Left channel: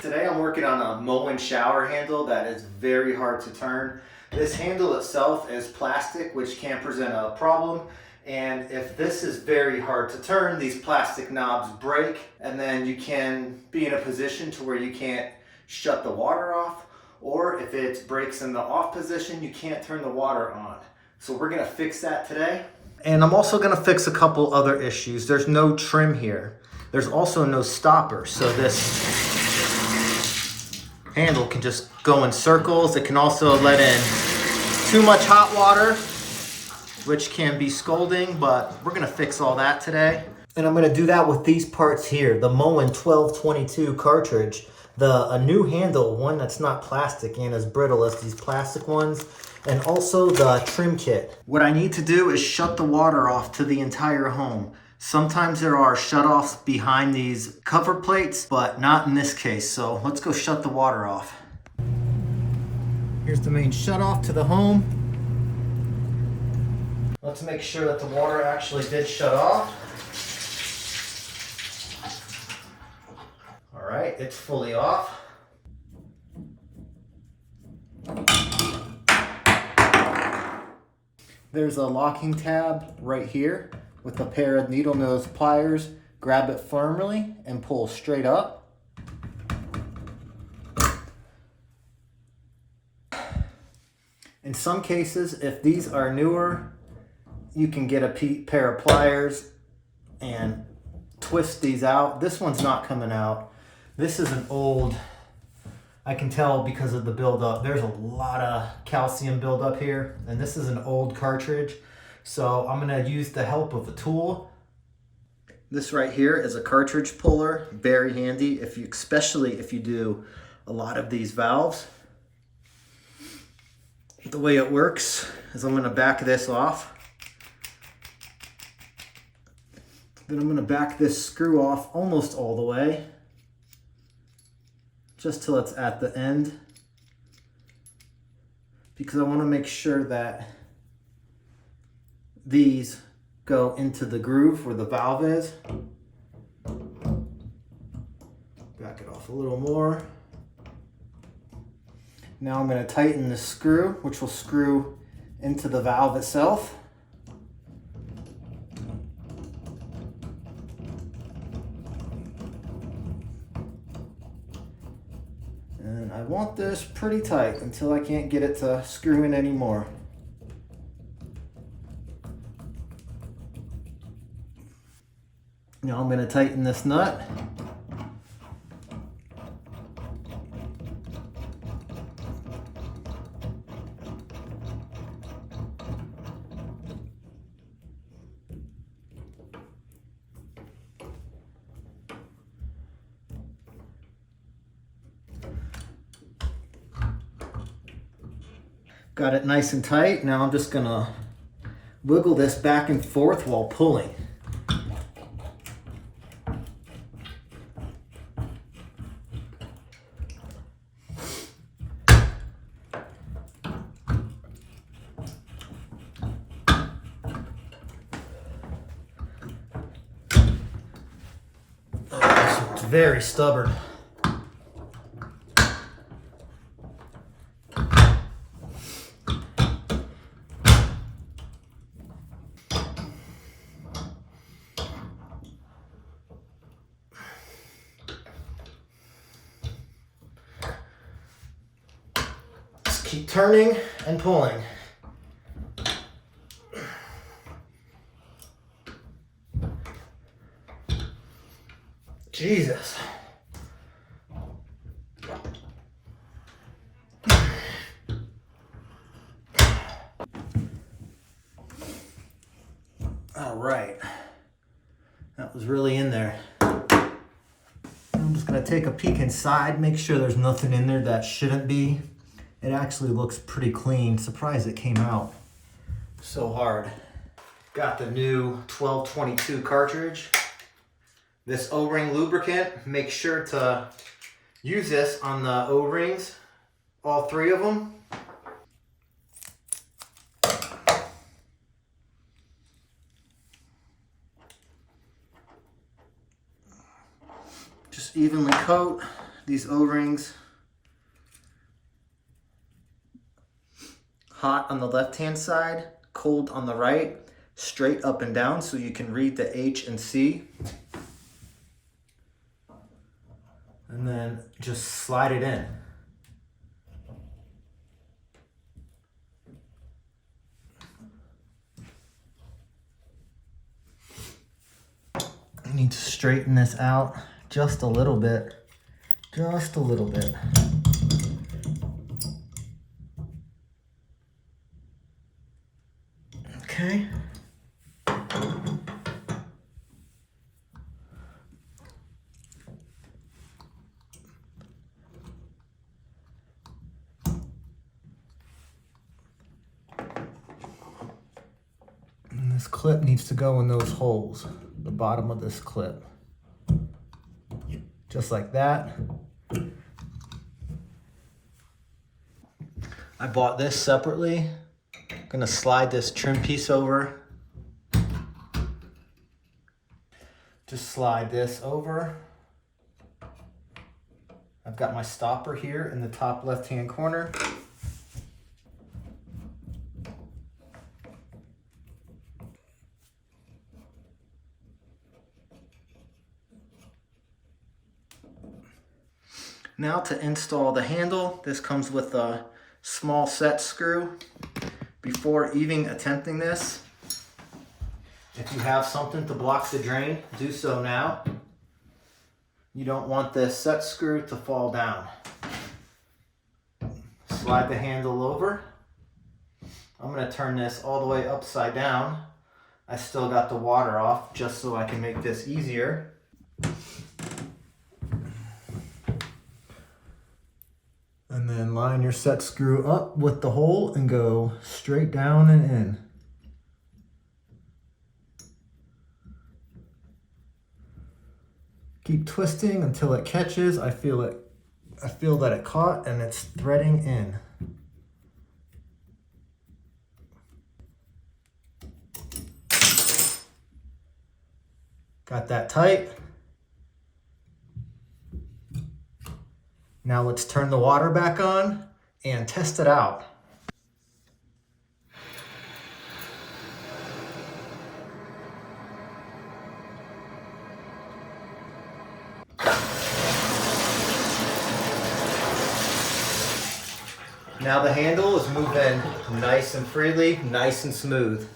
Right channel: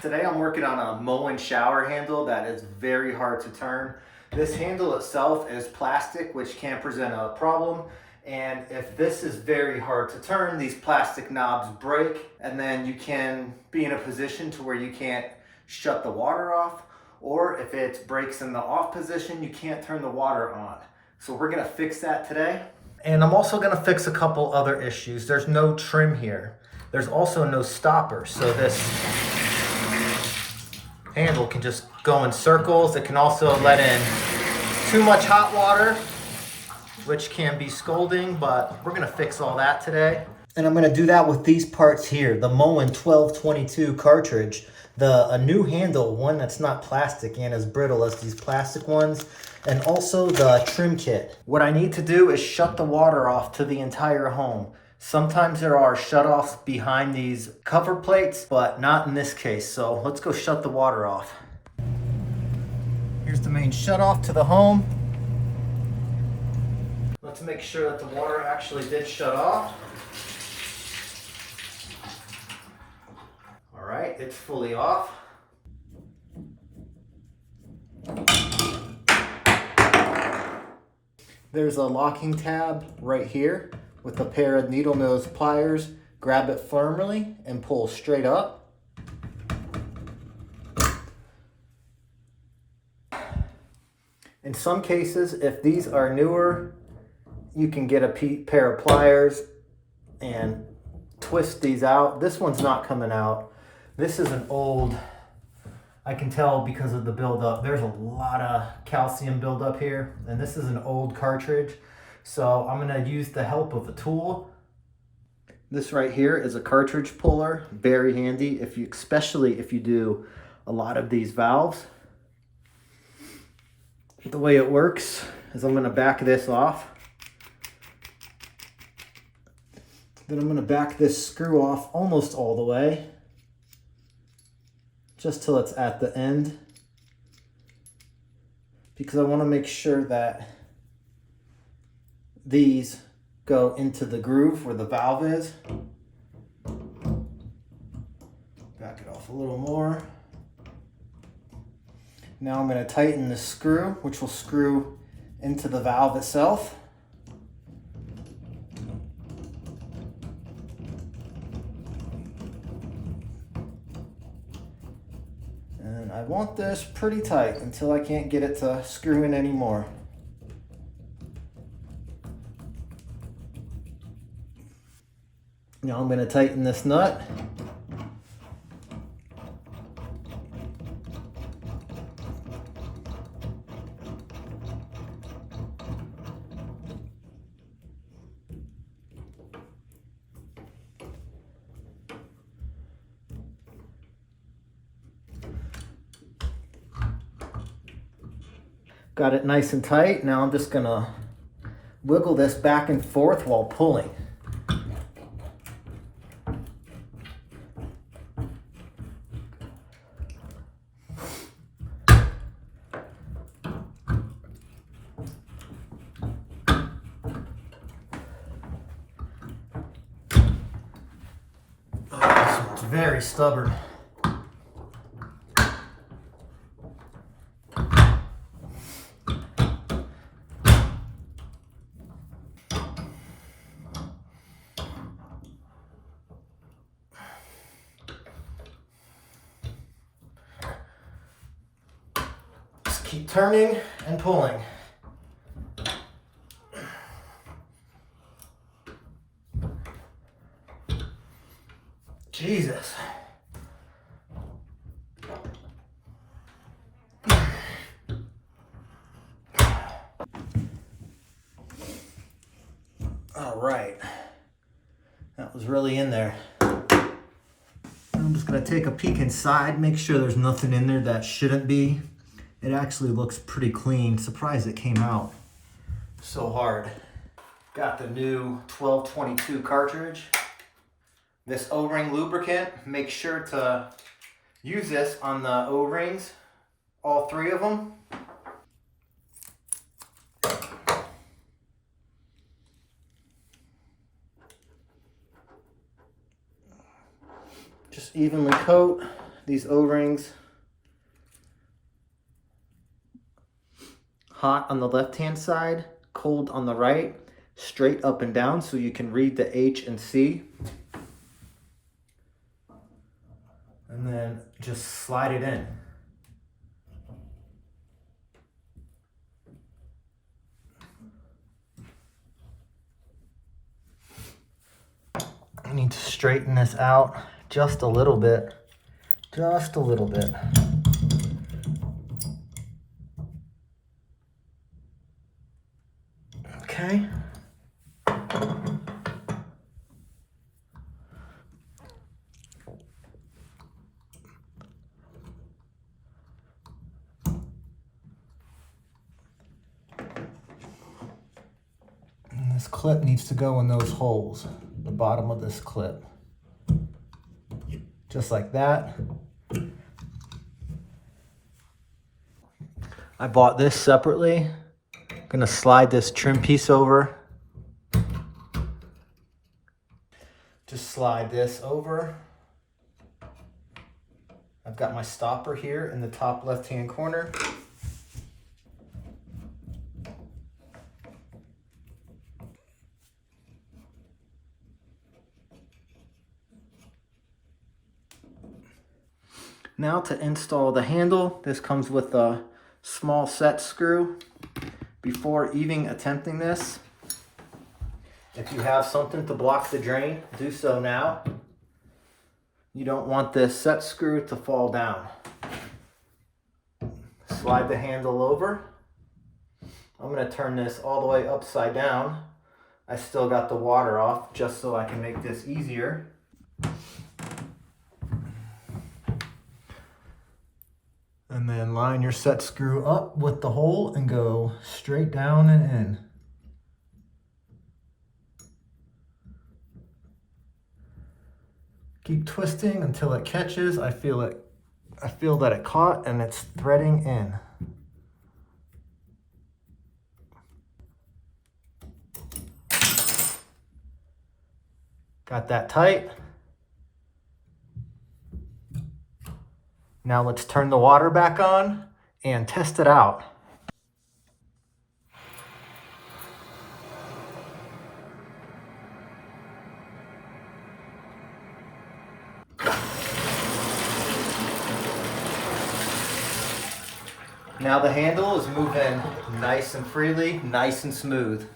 Today I'm working on a Moen shower handle that is very hard to turn. This handle itself is plastic, which can present a problem. And if this is very hard to turn, these plastic knobs break, and then you can be in a position to where you can't shut the water off, or if it breaks in the off position, you can't turn the water on. So we're gonna fix that today. And I'm also gonna fix a couple other issues. There's no trim here. There's also no stopper, so this handle can just go in circles. It can also let in too much hot water, which can be scalding, but we're gonna fix all that today. And I'm gonna do that with these parts here, the Moen 1222 cartridge, a new handle, one that's not plastic and as brittle as these plastic ones, and also the trim kit. What I need to do is shut the water off to the entire home. Sometimes there are shutoffs behind these cover plates, but not in this case. So let's go shut the water off. Here's the main shutoff to the home. Let's make sure that the water actually did shut off. All right, it's fully off. There's a locking tab right here with a pair of needle nose pliers. Grab it firmly and pull straight up. In some cases, if these are newer, you can get a pair of pliers and twist these out. This one's not coming out. This is an old, I can tell because of the buildup. There's a lot of calcium buildup here, and this is an old cartridge. So I'm gonna use the help of a tool. This right here is a cartridge puller, very handy, especially if you do a lot of these valves. The way it works is I'm gonna back this off. Then I'm gonna back this screw off almost all the way, just till it's at the end, because I wanna make sure that these go into the groove where the valve is. Back it off a little more. Now I'm going to tighten the screw, which will screw into the valve itself. And I want this pretty tight until I can't get it to screw in anymore. Now I'm going to tighten this nut. Got it nice and tight. Now I'm just going to wiggle this back and forth while pulling. It's very stubborn. Just keep turning and pulling. Jesus. All right. That was really in there. I'm just gonna take a peek inside, make sure there's nothing in there that shouldn't be. It actually looks pretty clean. Surprised it came out so hard. Got the new 1222 cartridge. This O-ring lubricant, make sure to use this on the O-rings, all three of them. Just evenly coat these O-rings hot on the left-hand side, cold on the right, straight up and down so you can read the H and C. And then just slide it in. I need to straighten this out just a little bit. Just a little bit. Okay. And this clip needs to go in those holes, the bottom of this clip. Just like that. I bought this separately. I'm gonna slide this trim piece over. Just slide this over. I've got my stopper here in the top left-hand corner. Now to install the handle, this comes with a small set screw. Before even attempting this, if you have something to block the drain, do so now. You don't want this set screw to fall down. Slide the handle over. I'm going to turn this all the way upside down. I still got the water off just so I can make this easier. And then line your set screw up with the hole and go straight down and in. Keep twisting until it catches. I feel that it caught and it's threading in. Got that tight. Now let's turn the water back on and test it out. Now the handle is moving nice and freely, nice and smooth.